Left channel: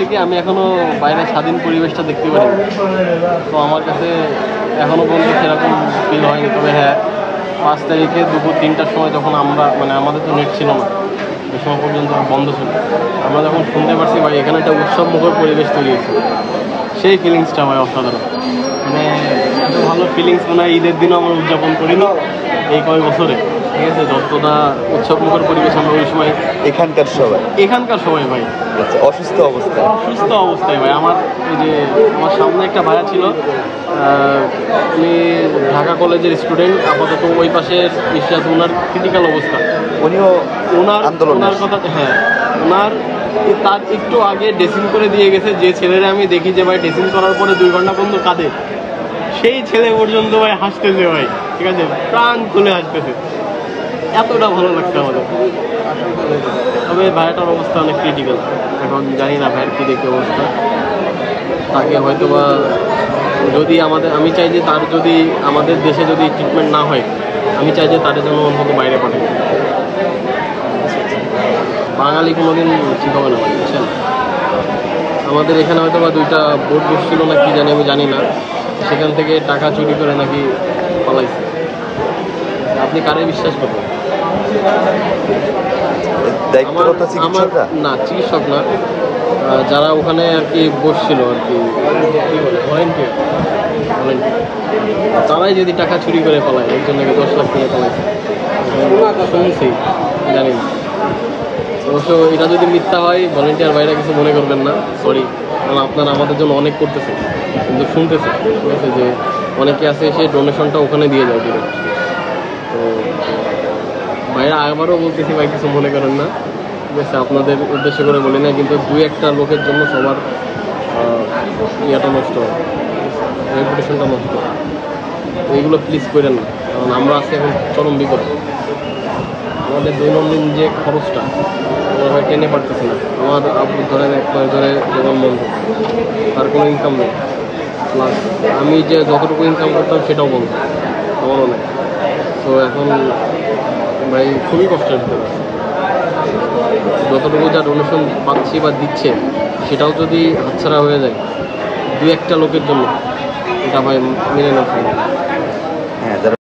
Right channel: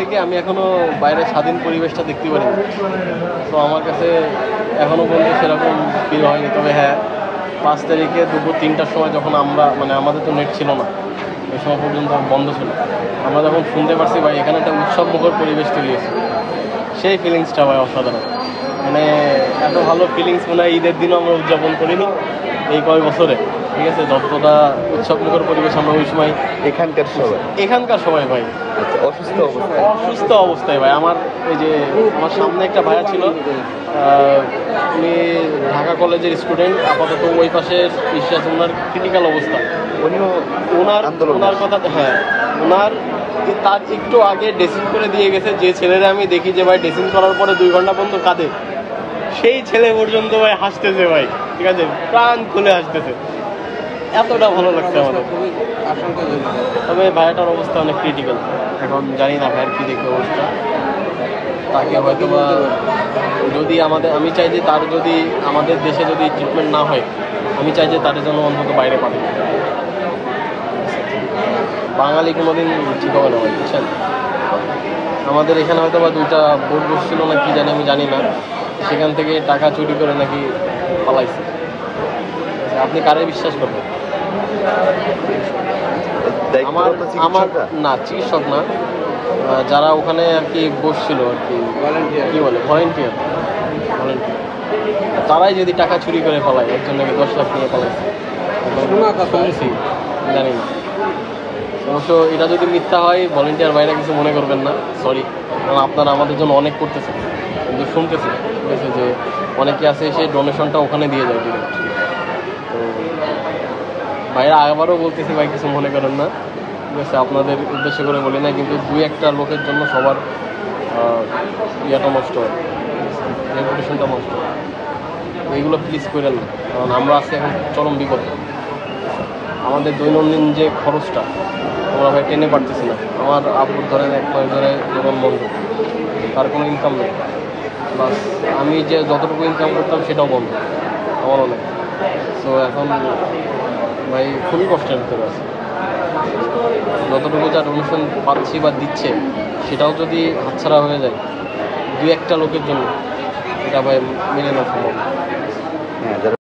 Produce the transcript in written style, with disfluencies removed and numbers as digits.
থেকে আমি এখনও বাইরের স্বাধীন পরিবেশটা দেখতে পারিনি। তো আমার কাছে এখনও পর্যন্ত সেরকম ফিল হয়নি। তবে হ্যাঁ, 5 তারিখে দুপুর 3টার সময় যখন আমরা আমাদের তো নেট ছিল না, ওই সময় পর্যন্ত বন্ধ ছিল, আমরা যখন শুনতে পারছি ভাই এখানে একটা উৎসবমুখর পরিবেশ তৈরি হয়েছে, সেই ফিলিংসটা ভাই অসাধারণ। এত ভালো ফিলিংস মনে হয় ঈদের দিনও আমরা উদযাপন করিনি এই কয়েক বছরে। ঠিক আছে, যতটা উৎসবমুখর পরিবেশ আমরা ওই সময় এখানকার সবাই ভাই আচ্ছা অসুস্থ অবস্থায় ভাই। আমার সামনে একটা ভাইয়া ছিল, উনি ঢাকা কলেজের স্টুডেন্ট, আপাতত ওই পাশের ইস্যু আছে, ওনার ক্রিটিক্যাল অবস্থা। ওনার কথা হ্যাঁ, তার একটু আগে ড্রেসিং করে দিয়ে গেছে যে ছেলেরা আমি দেখি যে ভাই ড্রেসিং করার পরে 2 ঘন্টা পর্যন্ত কাঁদে, সেই ছেলে পর্যন্ত ভাই হাসতেছে ভাই। ঠিক আছে, প্রাণ খুলে হাসতেছে, এতটা ভালো লাগছে আমাদের। তবে ভাইয়াটার অবস্থা অনেক ক্রিটিক্যাল, এখন জানি না ভাইয়ের কী দেখে অবস্থা। তাকে হয়তো বা যদি আমি চাই যে তার যদি আমাদের দেশে যদি ট্রিটমেন্ট না হয়, আমি চাই যে তার জন্য অন্তত বাইরে পাঠাই। বাঙালি কোনোদিন ঠিক হবে না ভাই, বুঝছেন। আমাদের এখানে হয়তো বা 2টা বোট বসছিল না কি জানি, আমি জানি না, সেখান থেকে টাকা চুরি করে নাকি পালাইছে। আপনি কারে বিশ্বাস করবেন? আমার না, চিকিৎসক না, যারা ওখানে আর কি বসছিল আর কি, কী বলে, ভলেন্টিয়ার, তারাই যদি টাকা চুরি করে পালায়, একজন নাকি 10 লাখ নিয়ে পালাইছে, শুনছি, জানি না। অবশ্য এটা যদি মিথ্যা হয়, ভলেন্টিয়ার ভাইরা কিছু মনে করবেন না, সরি, কারণ আপনারা আমাদের জন্য অনেক করতেছে, কিন্তু শুনতেছে, ঠিক আছে, যে অনেকে আছে এসে ডোনেশনটা ওখানে দিয়ে যায় ডিরেক্ট। তো ভাইরা আবারও বলতেছি ভাই, কিছু মনে করেন না, ঠিক আছে, আপনাদের উদ্দেশ্য করে বলি না, কিন্তু 2-1টা লোকের জন্য সবার ইয়েটা নষ্ট হয়, রেপুটেশনটা নষ্ট হয়। এইগুলো প্লিজ করেন না, কারণ আমরা আছি এখন চরম বিপদ। আমাদের দৈনন্দিন যে খরচটা আমরা ভাই টেনে পারতেছি না। আমার আব্বুর ধরেন 1 মাস ধরে দোকান বন্ধ, তার কোনো ইনকাম নেই, প্লাস আমি যে যতটুকু ইনকাম করতাম সেটাও বন্ধ, আমারও নেই। তো এখন ভাই খুবই কষ্টের ভিতরে আছে। যতটুকু যা ডোনেশন পাচ্ছি বা দিচ্ছে, সেটাও যদি হাতছাড়া হয়ে যায় 2-1টা লোকের জন্য, এটা ভাই মেনে নেওয়া সম্ভব। হ্যাঁ।